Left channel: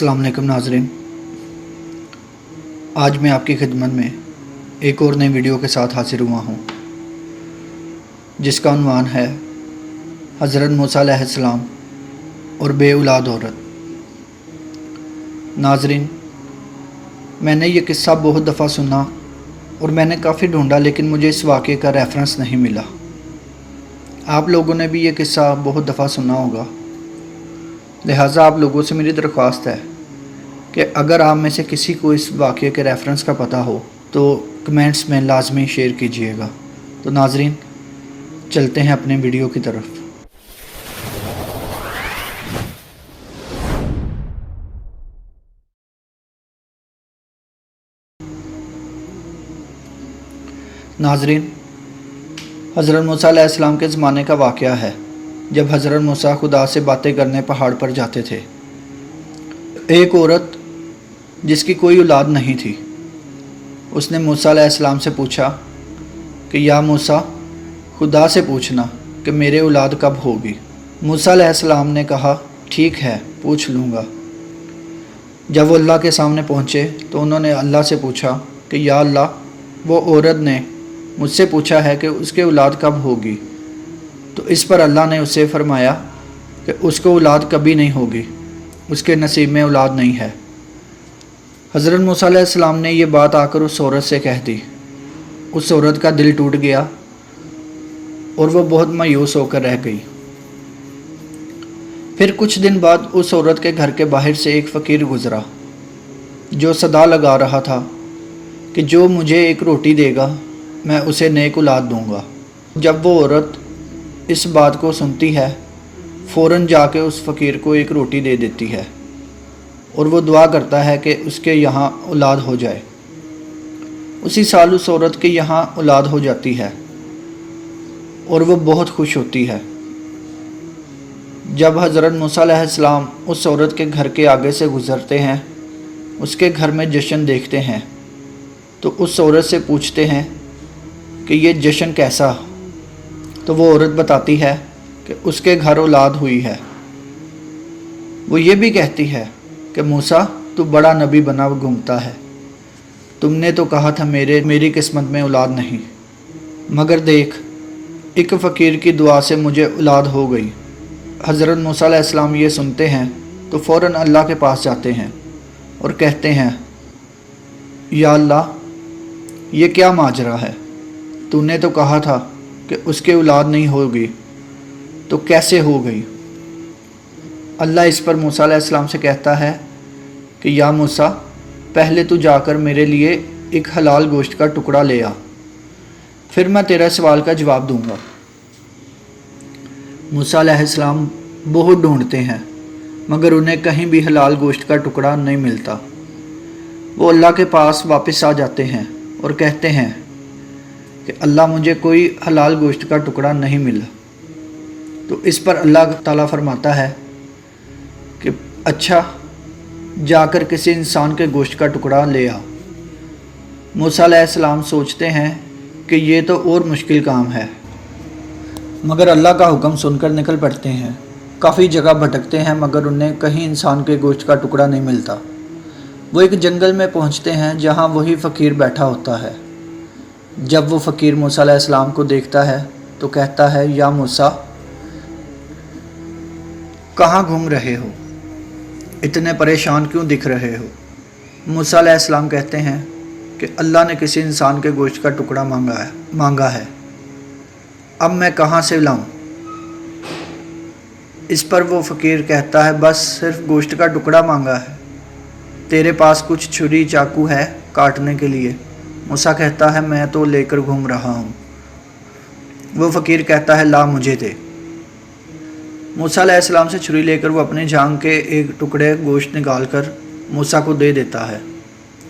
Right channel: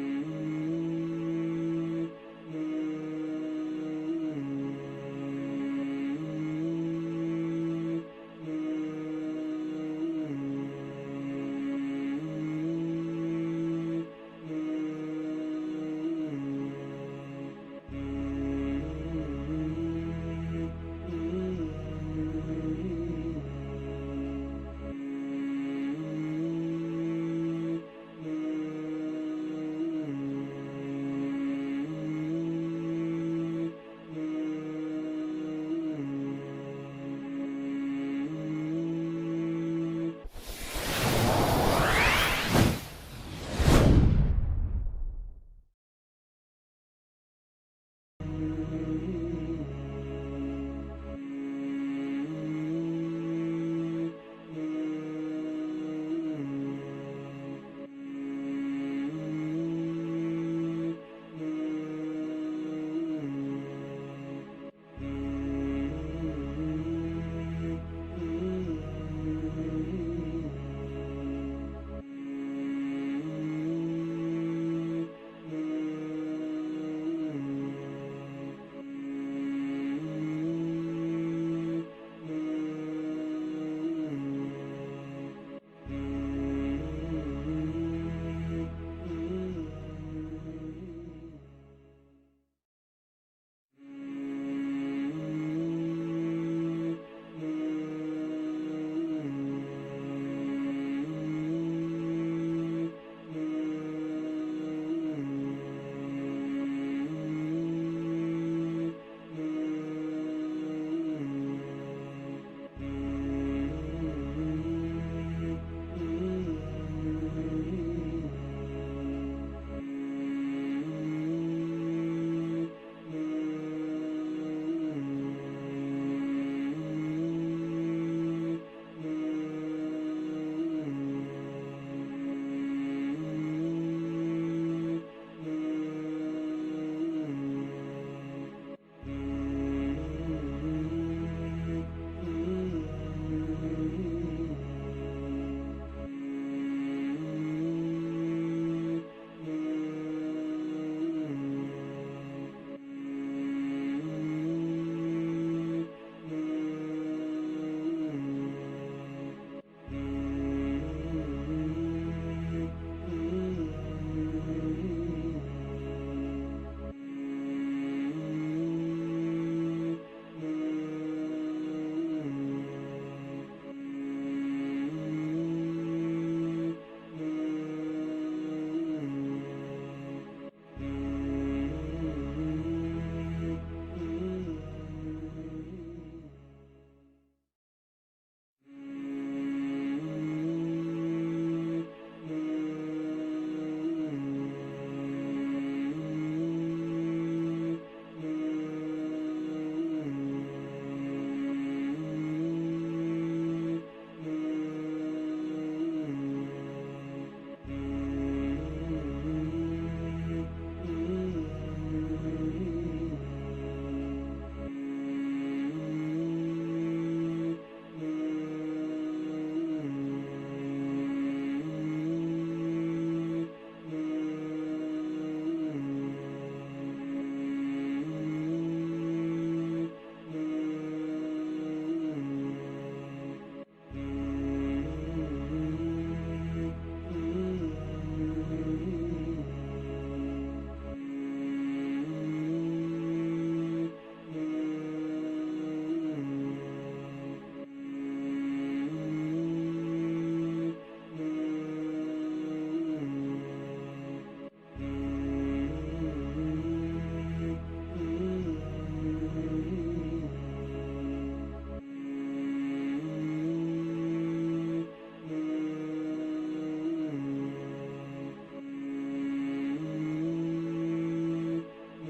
अस्सलाम वालेकुम नाज़रीन। आज मैं आपकी खिदमत में एक और नई वीडियो के साथ हाजिर हुआ हूँ, जिसका उन्वान है हज़रत मूसा अलैहिस्सलाम और बे औलाद औरत। नाज़रीन, मैंने ये किस्सा बहुत दफ़ा सुना और मैंने काफ़ी ढूंढा, लेकिन मुझे इस वाक़े का रेफरेंस नहीं मिला। आप लोगों ने भी ये किस्सा बहुत दफ़ा सुना होगा, लिहाजा आप लोगों से मेरी दरख्वास्त है कि अगर आप में से किसी को इस वाक़े के रेफरेंस का पता हो तो कमेंट्स में लाजमी शेयर कीजिएगा। तो नाज़रीन, चलते हैं अपने वीडियो की तरफ। नाज़रीन, हज़रत मूसा अलैहिस्सलाम के ज़माने का वाक़या है, जब हज़रत मूसा खुदा से बातें करने पहाड़ पर जाते थे। एक औरत जिसकी कोई औलाद नहीं थी, उसने मूसा अलैहिस्सलाम से पूछा कि या मूसा, खुदा से पूछना कि मेरे औलाद कब होगी। मूसा अलैहिस्सलाम ने कहा, ठीक है, पूछ लूँगा। जब वो अल्लाह के सामने पहुँचे तो उन्होंने अल्लाह से पूछा कि या अल्लाह, वो औरत ने मुझसे पूछा है कि उसके औलाद कब होगी। तो इस पर अल्लाह ने उससे फरमाया कि उसको औलाद कभी नहीं होगी, उसके नसीब में औलाद नहीं है। हज़रत मूसा अलैहिस्सलाम ने ये बात आकर उस औरत से कह दी। उस औरत का दिल टूट गया और वो बहुत मायूस होकर रह गई। फिर कुछ दिन बाद उस औरत के घर के बाहर से एक फ़कीर गुज़रा, जो सदा लगा रहा था कि जो मुझे एक रोटी देगा मैं उसे नेक औलाद दूँगा। जब वो औरत इस बात को सुनती है, फ़ौरन जाके उस फ़कीर को एक रोटी दे देती है और वो दुआ करता है कि उसके यहाँ औलाद हो जाए। उसी साल उस औरत के यहाँ औलाद हो जाती है और वो बहुत खुश होती है। जब हज़रत मूसा अलैहिस्सलाम उस औरत के घर के आगे से गुज़रते हैं, उसके घर में जश्न देखते हैं, तो उस औरत से पूछते हैं कि ये जश्न कैसा। तो वो औरत बताती है कि उसके घर औलाद हुई है। वो ये भी कहती है कि मूसा, तू बड़ा नबी बना घूमता है, तुमने तो कहा था मेरी किस्मत में औलाद नहीं, मगर देख, एक फ़कीर की दुआ से मुझे औलाद हो गई। हज़रत मूसा अलैहिस्सलाम ये सुनते हैं तो फ़ौरन अल्लाह के पास जाते हैं और कहते हैं, या अल्लाह, ये क्या माजरा है, तूने तो कहा था कि उसके औलाद नहीं होगी, तो कैसे हो गई। अल्लाह इस पर मूसा अलैहिस्सलाम से कहता है कि या मूसा, पहले तू जाकर मेरे लिए एक हलाल गोश्त का टुकड़ा ले आ, फिर मैं तेरा सवाल का जवाब दूंगा। मूसा अलैहिस्सलाम बहुत ढूंढते हैं, मगर उन्हें कहीं भी हलाल गोश्त का टुकड़ा नहीं मिलता। वो अल्लाह के पास वापस आ जाते हैं और कहते हैं कि अल्लाह, मुझे कोई हलाल गोश्त का टुकड़ा नहीं मिला। तो इस पर अल्लाह ताला फरमाता है कि अच्छा, जाकर किसी इंसान के गोश्त का टुकड़ा ले आ। मूसा अलैहिस्सलाम सोचते हैं कि ये तो और मुश्किल काम है, मगर अल्लाह का हुक्म सुनकर निकल पड़ते हैं। काफ़ी जगह भटकते हैं, मगर उन्हें कहीं इंसान के गोश्त का टुकड़ा नहीं मिलता। वो एक जंगल में पहुंचते हैं जहां वही फ़कीर बैठा होता है। जब वो फ़कीर मूसा अलैहिस्सलाम को देखता है तो कहता है, या मूसा, कहाँ घूम रहे हो, इतने परेशान क्यों दिख रहे हो। मूसा अलैहिस्सलाम कहते हैं कि अल्लाह ने किसी इंसान के गोश्त का टुकड़ा मांगा है, अब मैं कहाँ से लाऊं। इस पर वो फ़कीर कहता है, बस सिर्फ गोश्त का टुकड़ा मांगा है, तेरे पास कुछ छुरी चाकू है काटने के लिए। मूसा कहता है, मैं तो लेकर घूम रहा हूँ। वो फ़कीर कहता है, ला मुझे दे। मूसा अलैहिस्सलाम से छुरी लेकर वो अपने जांघ के एक टुकड़े गोश्त निकाल कर मूसा को दे देता है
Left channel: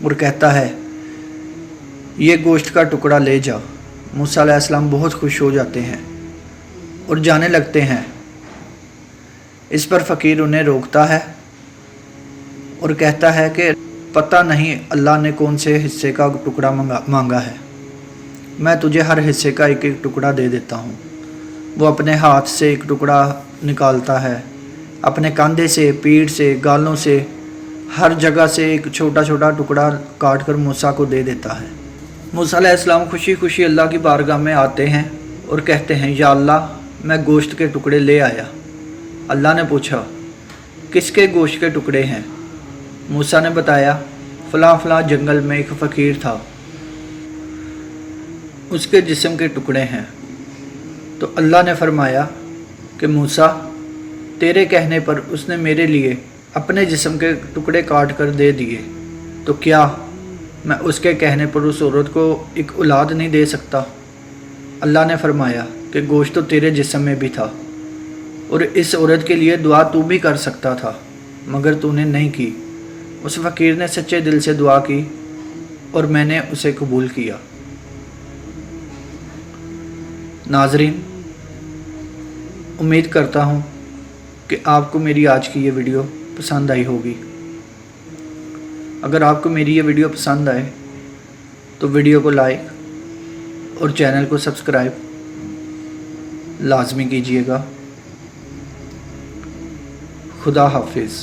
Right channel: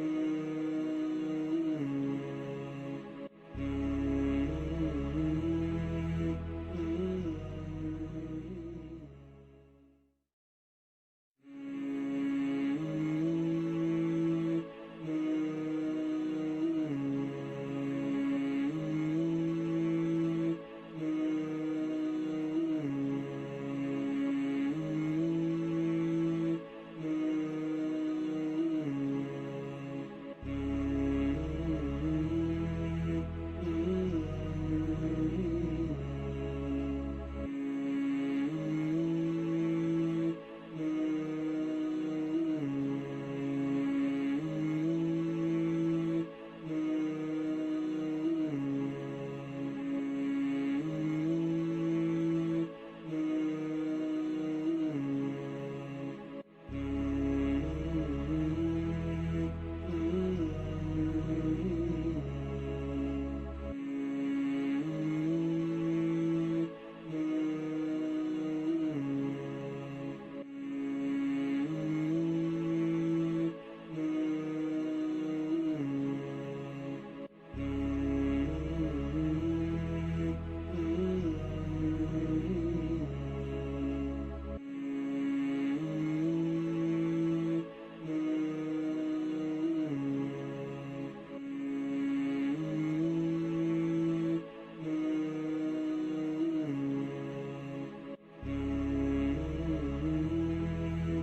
और कहता है, ये गोश्त का टुकड़ा ले जा। मूसा अलैहिस्सलाम बहुत खुश हो जाते हैं और जाने लगते हैं। इस पर फ़कीर उन्हें रोकता है और कहता है कि पता नहीं अल्लाह ने कौन से हिस्से का टुकड़ा मांगा है, मैं तुझे हर हिस्से का एक एक टुकड़ा दे देता हूँ। वो अपने हाथ से एक टुकड़ा निकालता है, अपने कंधे से, पीठ से, गालों से हर जगह से एक छोटा छोटा टुकड़ा काट कर मूसा को दे देता है। मूसा अलैहिस्सलाम खुशी खुशी अल्लाह की बारगाह में आते हैं और कहते हैं, या अल्लाह, मैं गोश्त के टुकड़े ले आया। अल्लाह ने पूछा, किसके गोश्त के टुकड़े हैं? मूसा ने बताया, फ़लाँ फ़लाँ जंगल में एक फ़कीर था, उसके जिस्म के टुकड़े हैं। तो अल्लाह ने फरमाया कि मूसा, तेरे कहने पर उसने मेरे लिए अपने जिस्म के टुकड़े काट कर दे दिए, तो क्या मैं उसके कहने पर उस औरत को एक औलाद नहीं दे सकता? अल्लाह ने फरमाया कि गोश्त तो तेरे जिस्म में भी था और इस औरत के लिए दुआ तू भी कर सकता था, मगर तूने नहीं की। उस फ़कीर ने सच्चे दिल से दुआ की और मैंने उसे कबूल किया। नाज़रीन, उम्मीद करता हूँ कि आपको मेरी आज की ये वीडियो पसंद आई होगी। अगर आपको मेरी ये वीडियो पसंद आए तो वीडियो को लाइक और चैनल को सब्सक्राइब लाजमी कीजिएगा। खुदा हाफिज़।